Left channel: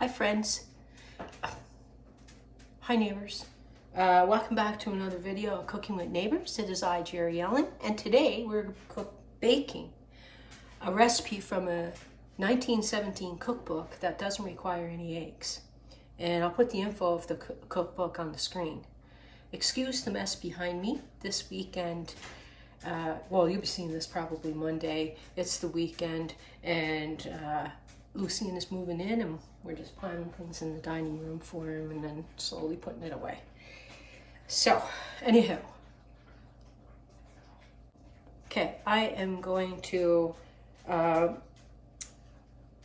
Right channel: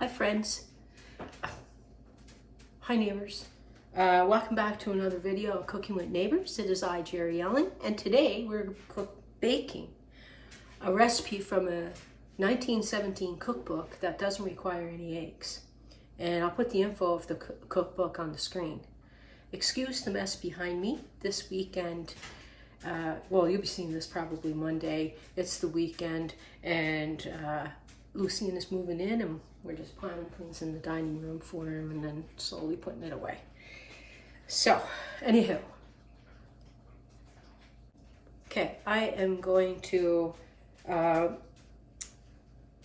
Hi friends, hi neighbors. Welcome back to another video of Cooking with Neighbors. It is I, Jerri-ellen, and today we're baking a recipe from a 1917 cookbook that doesn't require any eggs. And I'll put the info of the cookbook on the screen. Excuse the mess behind me. This weekend, well, you'll be seeing this probably Monday. It's the weekend, and Lucien is moving in, and we're just piling things in the dining room for him and then slowly putting it away. So, anywho. Okay, I am going to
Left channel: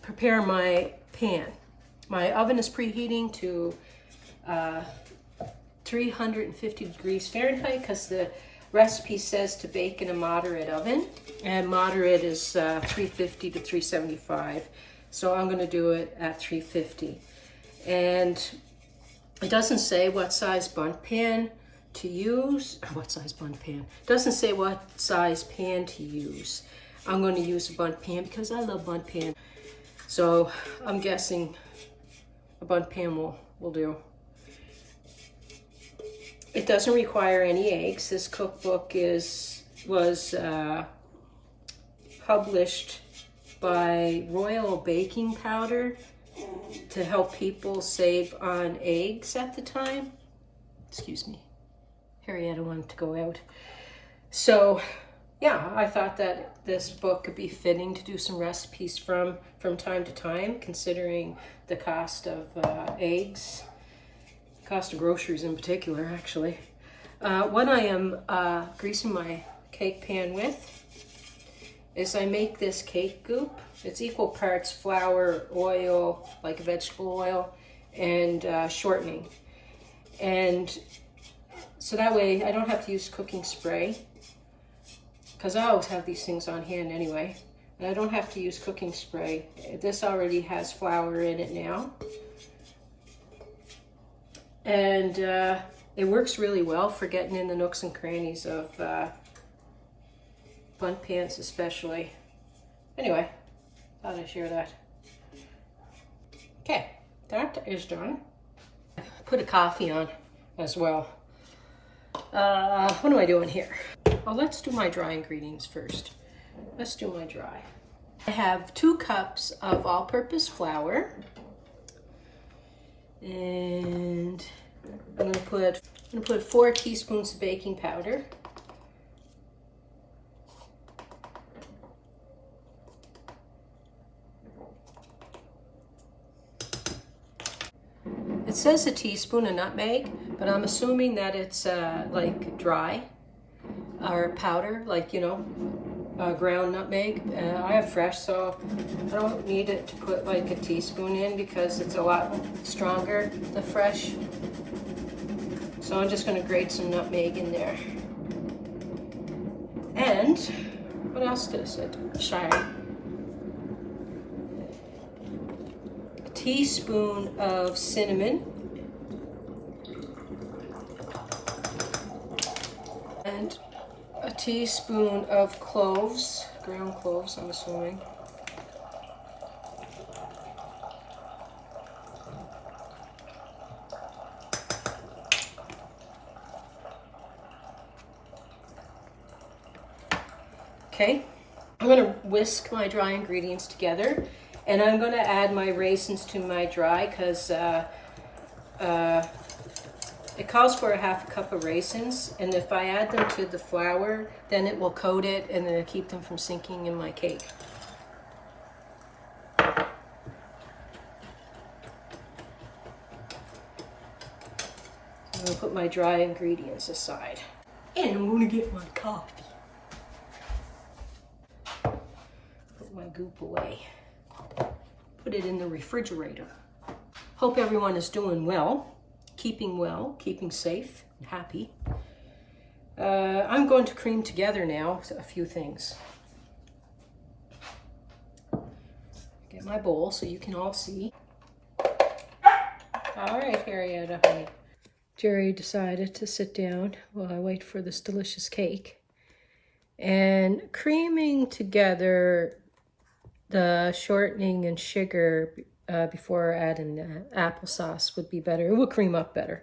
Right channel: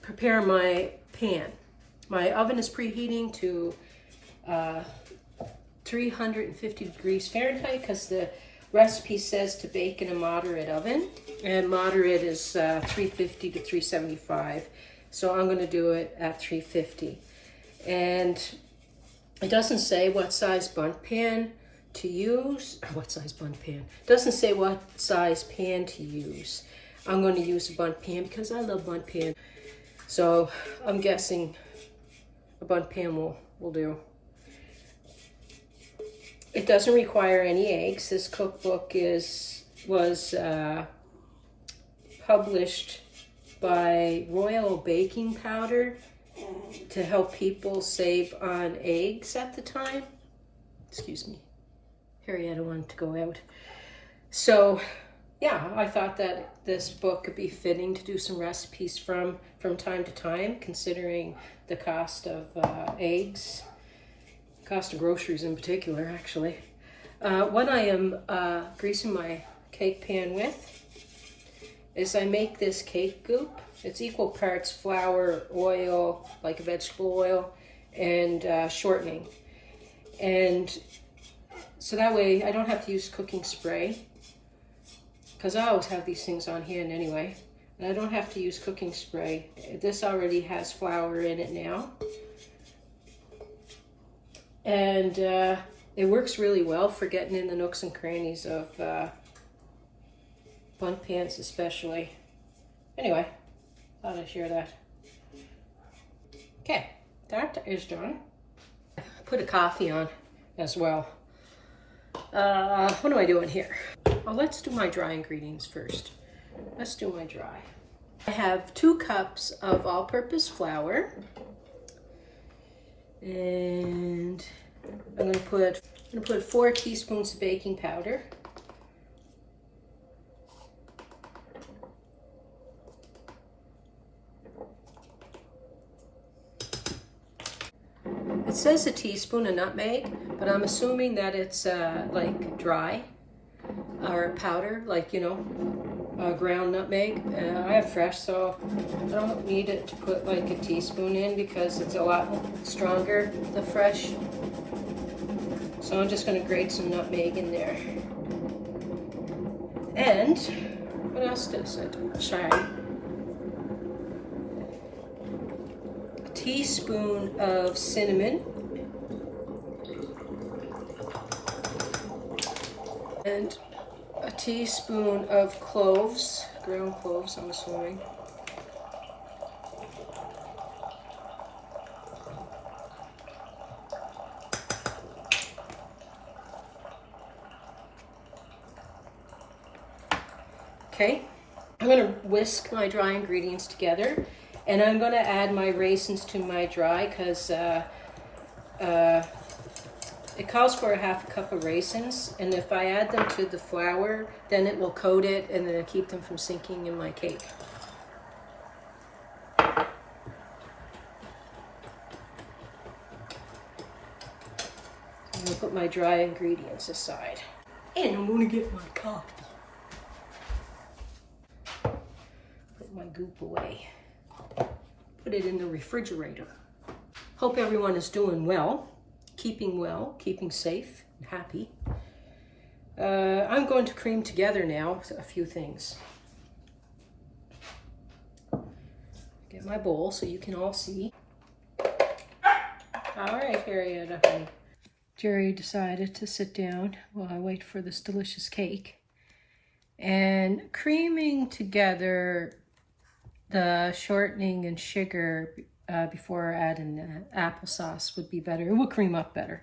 prepare my pan. My oven is preheating to 350 degrees Fahrenheit because the recipe says to bake in a moderate oven, and moderate is 350 to 375. So I'm going to do it at 350. And it doesn't say what size bundt pan to use, or what size bundt pan. It doesn't say what size pan to use. I'm going to use a bundt pan because I love bundt pan. So I'm guessing a bundt pan will do. It doesn't require any eggs. This cookbook was published by Royal Baking Powder to help people save on eggs at the time. Excuse me. Harrietta wanted to go out. So yeah, I thought that this book could be fitting to do some recipes from time to time, considering the cost of eggs, cost of groceries in particular, actually. What I am greasing my cake pan with is I make this cake goop. It's equal parts flour, oil, like vegetable oil, and shortening. And so that way I don't have to use cooking spray, because I always have these things on hand anyway. And I don't have to use cooking spray. This already has flour in it now. And it works really well for getting in the nooks and crannies of bundt pans especially. Anyway, thought I'd share that. Okay, that is done. Put a coffee on as well. What am I doing here? Well, let's do my dry ingredients first. Let's do my dry. I have 2 cups of all-purpose flour, and I'm going to put 4 teaspoons of baking powder. It says a teaspoon of nutmeg, but I'm assuming that it's like dry or powder, like, you know, ground nutmeg. I have fresh, so I don't need it to put like a teaspoon in because it's a lot stronger, the fresh. So I'm just going to grate some nutmeg in there. And what else does it? Shine. Teaspoon of cinnamon and a teaspoon of cloves, ground cloves, I'm assuming. Okay, I'm going to whisk my dry ingredients together. And I'm going to add my raisins to my dry because it calls for a half a cup of raisins. And if I add them to the flour, then it will coat it and it'll keep them from sinking in my cake. I'm going to put my dry ingredients aside. And I'm going to get my coffee. Put my goop away. Put it in the refrigerator. Hope everyone is doing well, keeping safe and happy. I'm going to cream together now a few things. Get my bowl so you can all see. All right, Harrietta, honey. Jerry decided to sit down while I wait for this delicious cake. And creaming together the shortening and sugar before adding applesauce would be better. It will cream up better.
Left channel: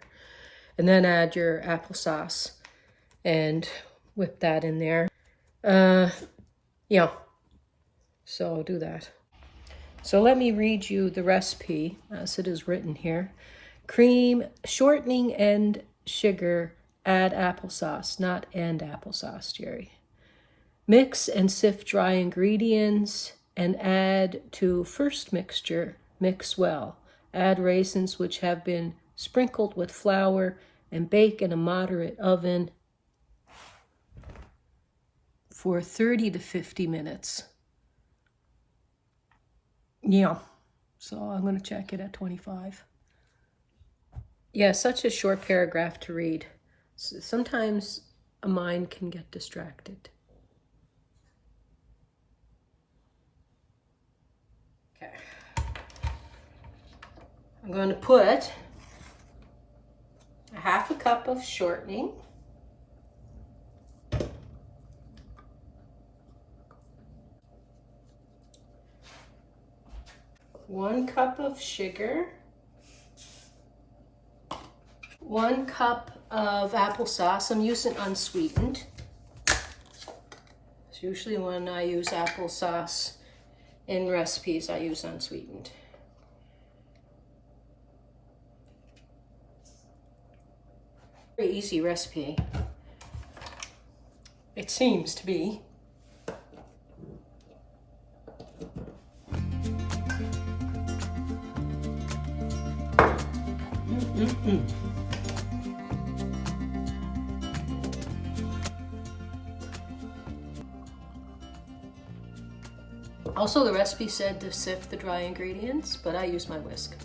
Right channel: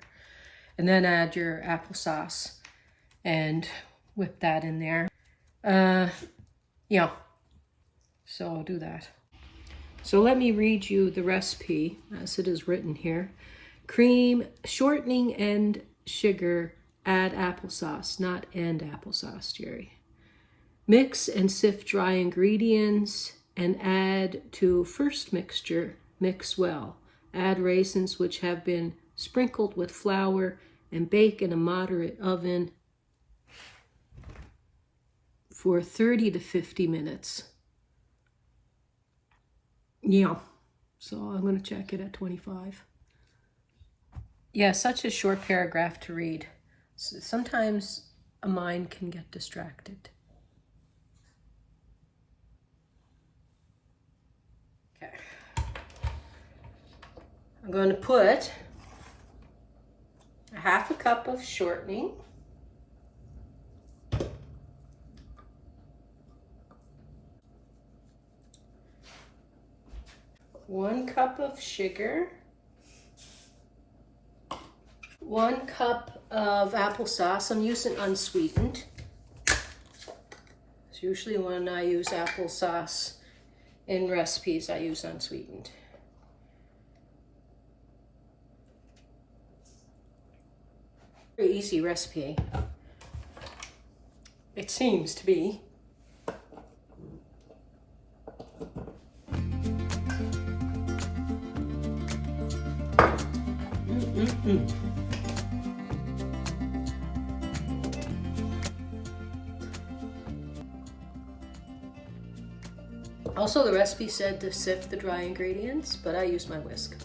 And then add your applesauce and whip that in there. Yeah, so I'll do that. So let me read you the recipe as it is written here. Cream, shortening, and sugar. Add applesauce, not and applesauce, Jerry. Mix and sift dry ingredients and add to first mixture. Mix well. Add raisins which have been sprinkled with flour and bake in a moderate oven for 30 to 50 minutes. Yeah, so I'm going to check it at 25. Yeah, such a short paragraph to read. Sometimes a mind can get distracted. Okay. I'm going to put a half a cup of shortening, 1 cup of sugar, 1 cup of applesauce. I'm using unsweetened. It's usually when I use applesauce in recipes, I use unsweetened. Very easy recipe. It seems to be. Also, the recipe said to sift the dry ingredients, but I use my whisk.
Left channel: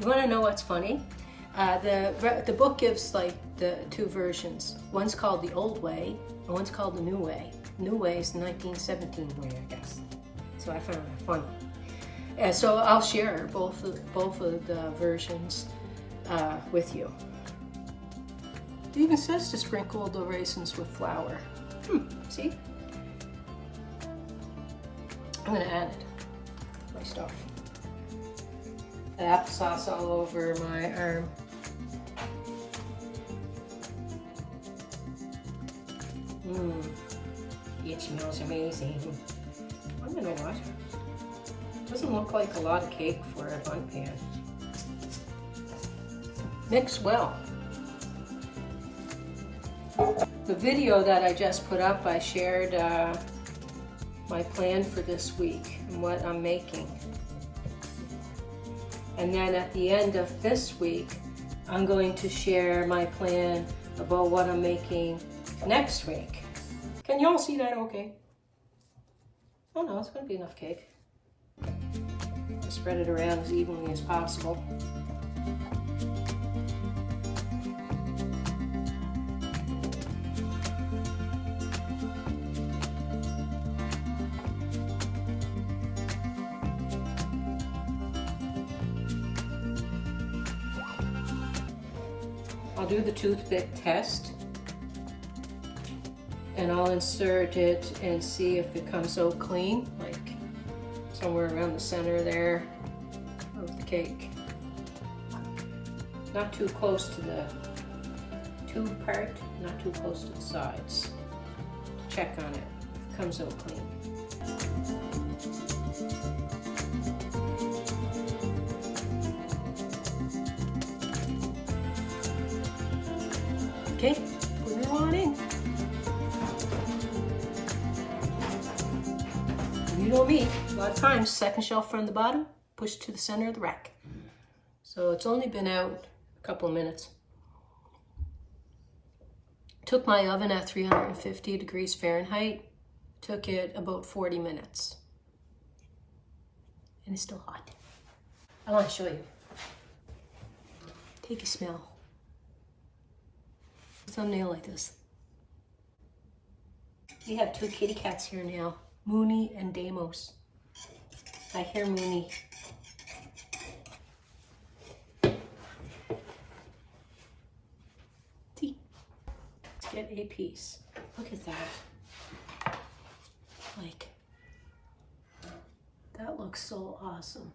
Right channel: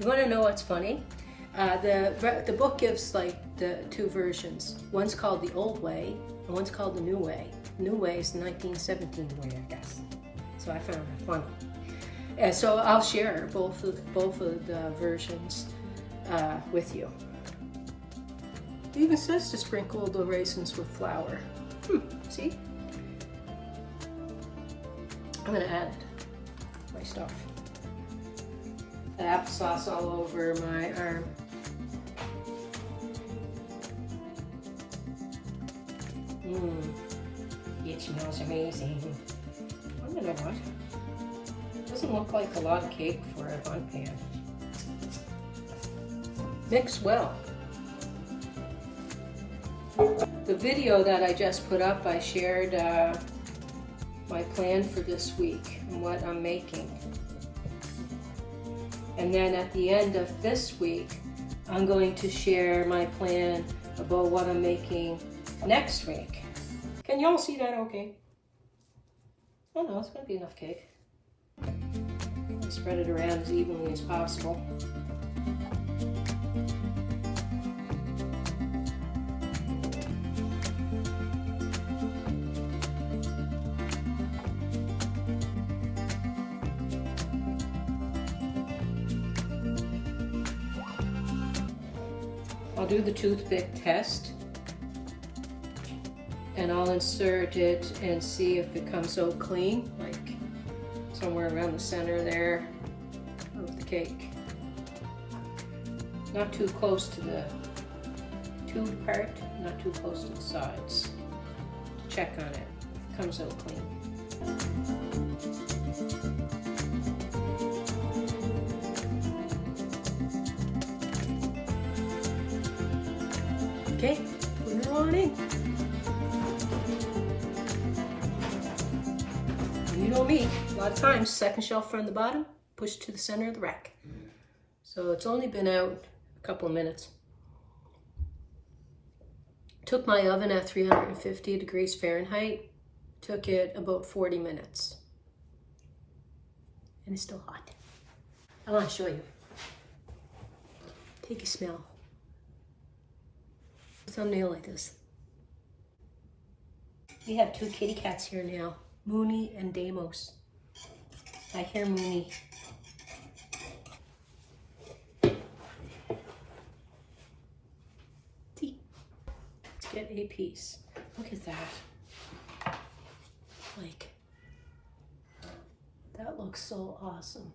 You want to know what's funny? The book gives like the 2 versions. One's called the old way, and one's called the new way. New way is the 1917 way, I guess. So I found that funny. So I'll share both of the versions with you. It even says to sprinkle the raisins with flour. See? I'm gonna add my stuff. The applesauce all over my arm. It smells amazing. I don't know what. Doesn't look like a lot of cake for a bun pan. Mix well. The video that I just put up, I shared my plan for this week and what I'm making. And then at the end of this week, I'm going to share my plan about what I'm making next week. Can you all see that okay? Oh no, it's going to be enough cake. I'll spread it around as evenly as possible. I'll do the toothpick test, and I'll insert it and see if it comes out clean, like somewhere around the center there of the cake. Not too close to the tube part, not too close to the sides. Check on it, if it comes out clean. Okay, put it on in. You know me, a lot of times, second shelf from the bottom, push to the center of the rack. So it's only been out a couple of minutes. Took my oven at 350 degrees Fahrenheit. Took it about 40 minutes. And it's still hot. I want to show you. Take a smell. Thumbnail like this. We have 2 kitty cats here now, Mooney and Damos. I hear Mooney. See? Let's get a piece. Look at that. Like, that looks so awesome.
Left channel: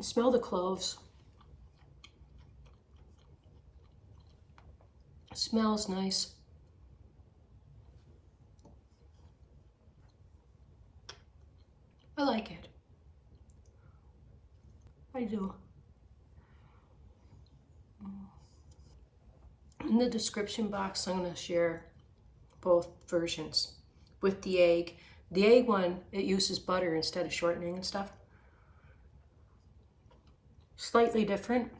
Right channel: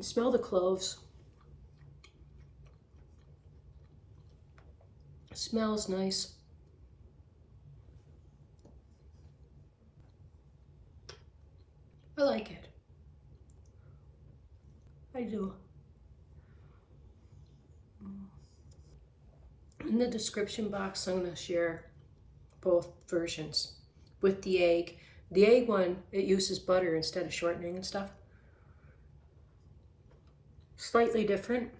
Smell the cloves. Smells nice. I like it. I do. In the description box, I'm going to share both versions with the egg. The egg one, it uses butter instead of shortening and stuff. Slightly different.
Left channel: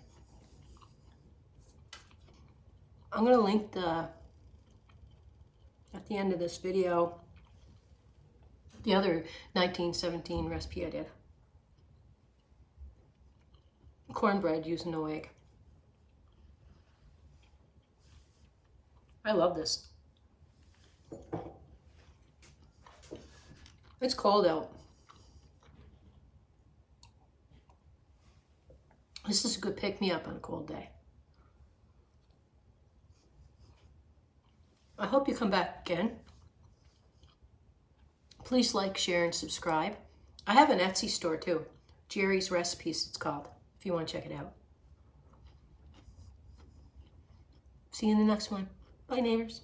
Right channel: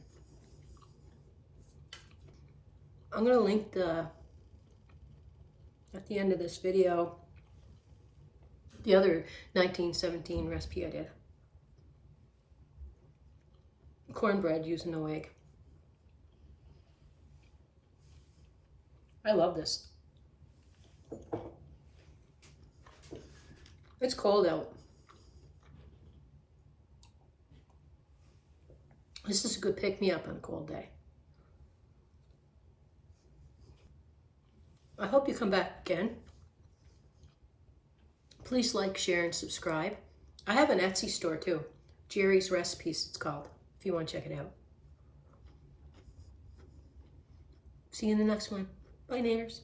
I'm going to link at the end of this video, the other 1917 recipe I did. Cornbread using no egg. I love this. It's cold out. This is a good pick-me-up on a cold day. I hope you come back again. Please like, share, and subscribe. I have an Etsy store too. Jerry's Recipes, it's called, if you want to check it out. See you in the next one. Bye, neighbors.